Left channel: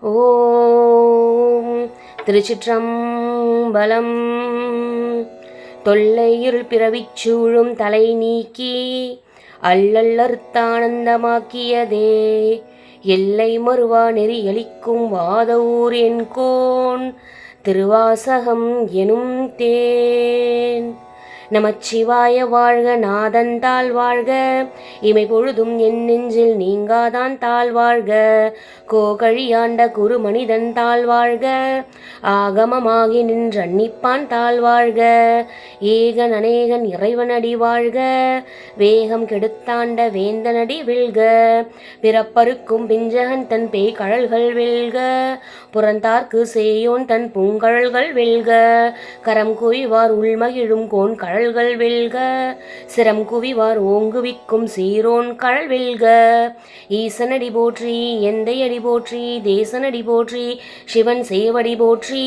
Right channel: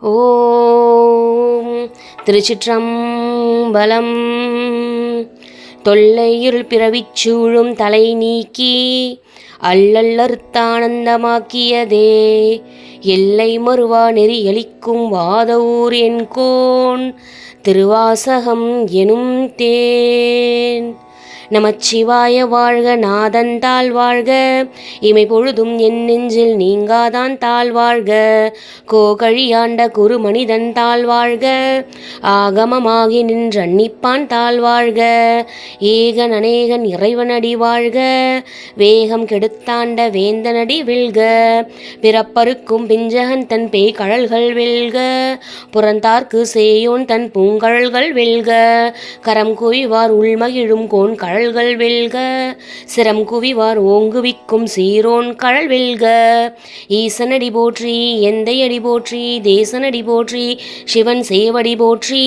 ஓம் திருச்சிற்றம்பலம். தொல்லையிருள் பிறவிச் சூழும் தலை நீக்கி அல்லல்லறுத்தானந்தமாக்கியதே. எல்லை மறுவா நெறி எளிக்கும் வாதவூர் என்கோன் திருவாசகம் எனும் தேன். நமச்சிவாய வாழ்க நாதன் தாழ் வாழ்க. இமை பொழுதும் என் நெஞ்சில் நீங்காதான் தாழ் வாழ்க. கோகழியாண்ட குரு மனிதன் தாழ் வாழ்க. ஆகமமாகி நின்ற அன்னிப்பான் தாழ் வாழ்க. ஏகன் அநேகன் இறைவனடி வாழ்க. வேகம் கெடுத்தாண்ட வேந்தனடி வில்க. பிறப்பருக்கும் பிஞ்சகன் தன் பேய் கழல்கள் வெல்க. புறந்தார்க்கு சேயோன் தன் பூங்கழல்கள் வெல்க. கரம் குவிவார் உள்மகிழும் கோன் கழல்கள் வெல்க சிரம் குவிவார் ஓங்குவிக்கும் சீரோன் கழல் வெல்க. ஈசனடி போற்றி எந்தையடி போற்றி தேசனடி போற்றி சிவன் சேவடி போற்றி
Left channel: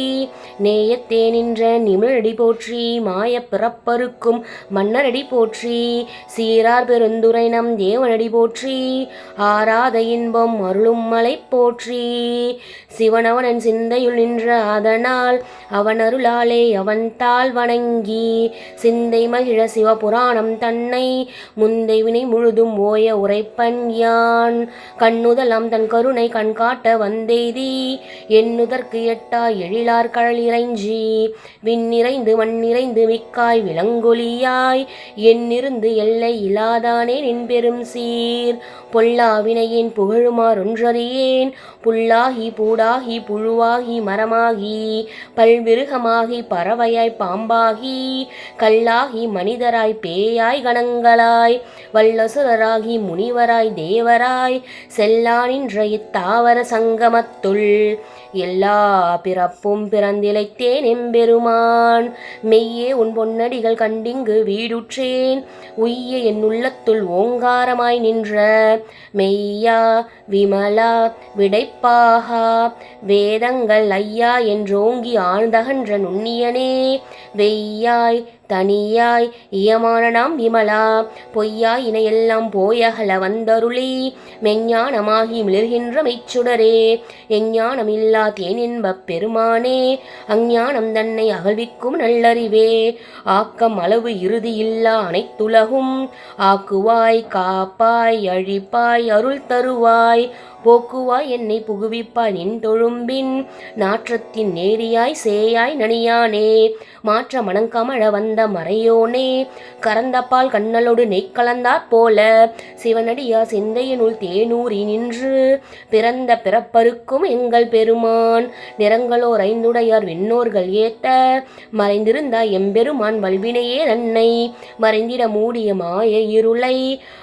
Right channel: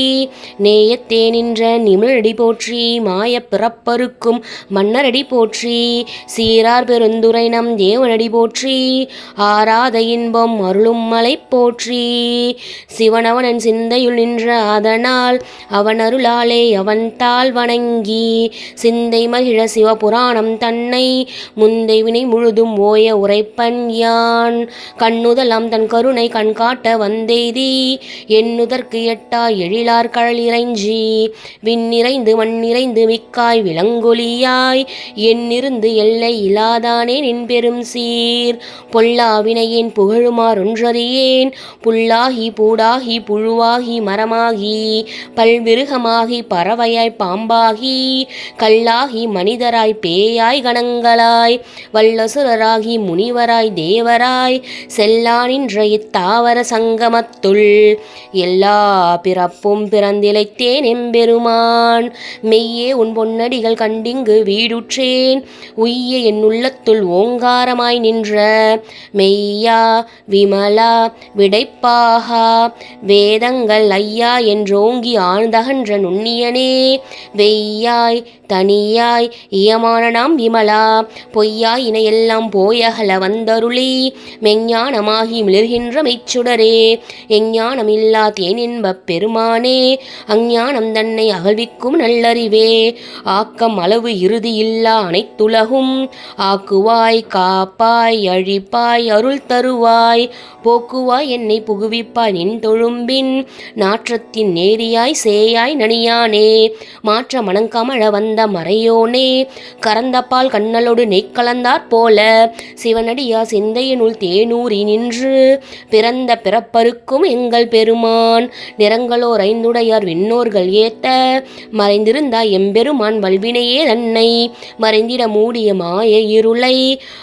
நேயத்தே நின்ற நிமிழடி போற்றி மாய பிறப்பருக்கும் மன்னரடி போற்றி சீரார் பெருந்துரை நம் தேவனடி போற்றி ஆராத இன்பம் அருளும் மலை போற்றி. சிவனவனன் சிந்தையுள் நின்ற அதனால் அவன் அருளாலே அவன் தாள் வணங்கி சிந்த மகிழ சிவபுராணம் தன்னை முந்தை வினை முழுதும் ஓய உரைப்பன் யான். கண்ணுதலாம் தன் கருணை கண்காட்ட வந்தெய்தி எண்ணுதற்கு எட்டா எழிலார் கழல் இறைஞ்சி. விண்ணிறைந்து மண்ணிறைந்து மிக்காய் விலங்கொலியாய் எண்ணிருந்து எல்லை இலாதானே நின் பெரும் சீர். பொல்லாவினையேன் புகழுமாறொன்றறியேன் புல்லாகி பூடாகி புழுவாகி மரமாகி பல்விருகமாகி பறவையாய் பாம்பாகி கல்லாகி மனிதராய் பேயாய் கணங்களாய் வல்லசுரராகி முனிவராய் தேவராய் செல்லா நின்ற இத்தாவர சங்கமத்துள் எல்லா பிறப்பும் பிறந்திலைத்தேன் எம்பெருமான். மெய்யே உன் பொன்னடிகள் கண்டிங்கு வீடுற்றேன். உய்ய என் உள்ளத்துள் ஓங்காரமாய் நின்ற மெய்யா விமலா விடைப்பாகா வேதங்கள் ஐயா என்றோங்கி ஆழ்ந்தகன்ற நுண்ணியனே. வெய்யாய் தனியாய் இயமான நாம் விமலா. பொய்யாய் இணையெல்லாம் போயகல வந்தருளி. மெஞ்ஞானமாகி மிளர்கின்ற மெய்ச்சுடரே. எஞ்ஞானம் இல்லா தேனின்பப் பெருமானே. அஞ்ஞானம் தன்னை அகழ்விக்கும் நல்லறிவே. ஆக்கம் அளவு இறுதி இல்லா அனைத்துலகும். ஆக்குவாய் காப்பாய் அழிப்பாய் அருள் தருவாய். போக்குவாய் என்னை புகுவிப்பாய் நின் தொழும்பின். நாற்றத்தின் நேரியாய் சேயாய் நனியானே. மாற்ற மணங்கமழ வந்த மறையோனே கறந்தப்பால் கண்ணலோடு நெய் கலந்தாற் போல சிவனடியா சிந்தையினுள் தேனூறி நின்று பிறந்த பிறப்பருக்கும் எங்கள் பெருமான் நிறங்களோர் ஐந்துடையார் விண்ணோர்கள் ஏத்த மறைந்திருந்தா எம்பெருமான் வல்வினையே தன்னை மறைந்திட மூடிய மாய இருளை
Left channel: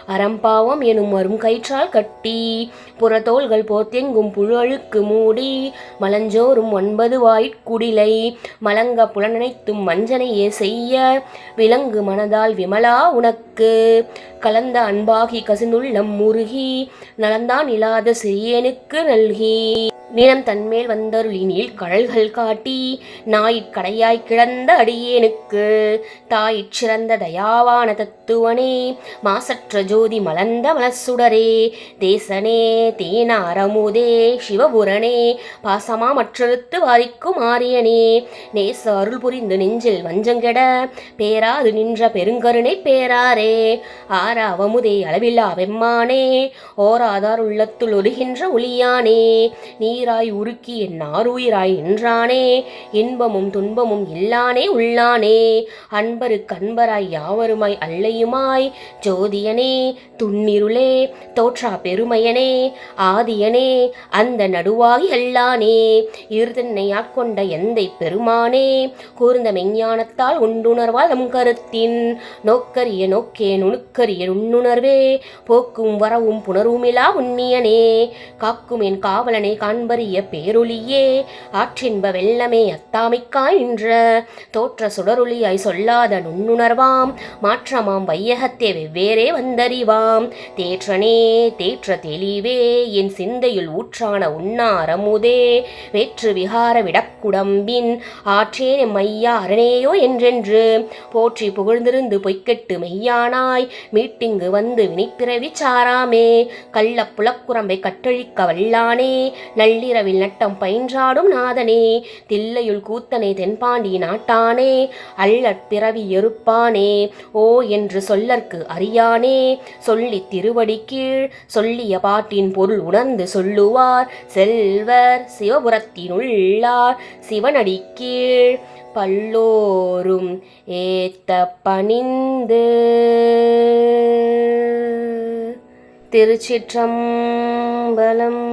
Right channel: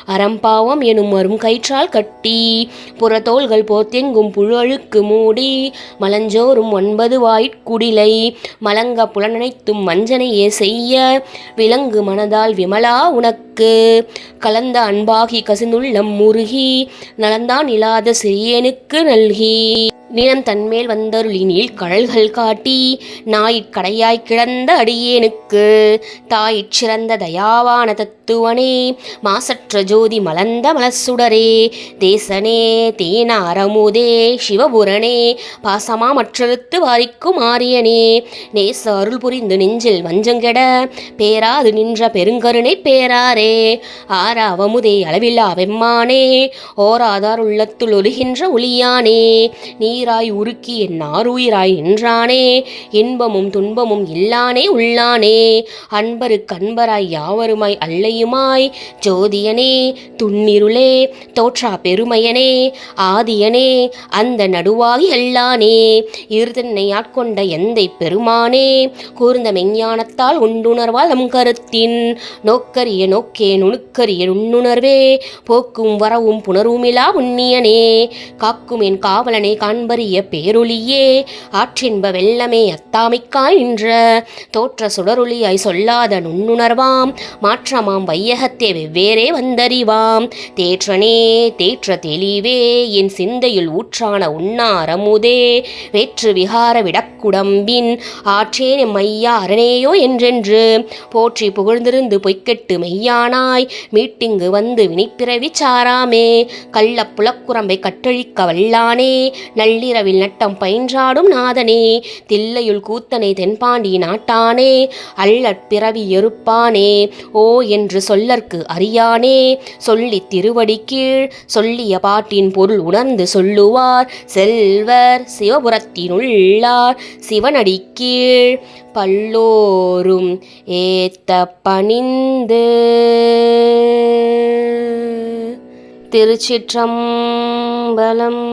அறம்பாவம் எனும் வரும் கயிற்றால் கட்டி புறத்தோள்கள் போத்தெங்கும் புழழுக்கு மூடி மலஞ்சோறும் ஒன்பது வாயிற்குடிலை மலங்க புலனனைத்தும் மஞ்சனையே செய்ய விலங்கு மனதால் விமலா உனக்கு கலந்த அன்பாகி கசிந்துள்ளம் முருகி நலந்தான் இல்லாத சிறியனுக்கு நல்கி. நிலம் தன்மேல் வந்தருளினில் நீள் கழல்கள் காட்டி நாயிற் கடையாய் கிடந்த அடியேனுக்கு. தாயிற் சிறந்த தயாவான தத்துவனே மாசற்ற ஜோதி மலர்ந்த மலசுடரே தேசனே தேனாரமுதே சிவபுரனே பாசமா மற்றெழுத்து வாரிக்கும் ஆரியனே. நேச அருள் புரிந்து நெஞ்சில் வஞ்சங்கெட பேராது நின்ற பெருங்கருணை பேராரே. ஆறாவமுதே அளவில்லா வெம்மானே ஓராதார் உள்ளத்துள் ஒழுகின்ற ஒளியானே நீராய் உருக்கி என் ஆறுயிராய் நின்றானே இன்பமும் துன்பமும் இல்லானே உள்ளானே அன்பருக்கு அன்பராய் யாவருமாய் அல்லையுமாய் ஜோதியனே துன்னிருளே தோற்றா பெருமையனே ஆதியனே அந்த நடுவாகி அல்லானே இருதன்னை ஆட்கொண்ட எந்தை பெருமானே கூர்ந்த மெஞ்ஞானத்தால் உண்டுணர்வால் நம் கருத்தின் நோக்கரிய நோக்கி நுணுக்கரிய நுண்ணுணர்வே போக்கும் வரவும் புணர்வுமிலா உன்னியனே. காக்கும் என் காவலனை காண்பறிய பேரொளியே ஆற்றின்ப வெள்ளமே அத்தாமிக்காய் நின்ற. தோற்ற சுடரொளியாய் சொல்லாத நுண்ணுணர்வாம் மாற்றமாம் வையகத்தே வெவ்வேறே வந்தறிவாம். தேற்றனே தேற்ற தெளிவே என் சிந்தையில் ஊற்றான உண்ணாரமுதே வேற்று விகார விடக்குடம்பின் ஆற்றேன் மையா அரணேயோ என்றென்று. போற்றி புகழ்ந்திருந்து பொய்க்கெட்டு மெய்யான காணாய். மீட்டிங்கு வந்து வினைப்பிறவி சாராமே. கள்ளப் புலக்குரம்பை கற்றழிக்க வல்லானே. நள்ளிரவில் நட்டம் பயின்றாடும் நாதனே. தில்லையுள் கூத்தனை தென்பாண்டி நாட்டானே. அள்ளற்பிறவி எருப்பானே. ஓ என்று சொல்லற்கு அறியானே. சொல்லித் திருவடி கீழ் சொல்லிய பாட்டின் பொருள் உணர்ந்து சொல்லுவார். செல்வர் சிவபுரத்தினுள்ளார் சிவனடி கீழ். பல்லோரும் ஏத்த பணிந்து திருச்சிற்றம்பலம்.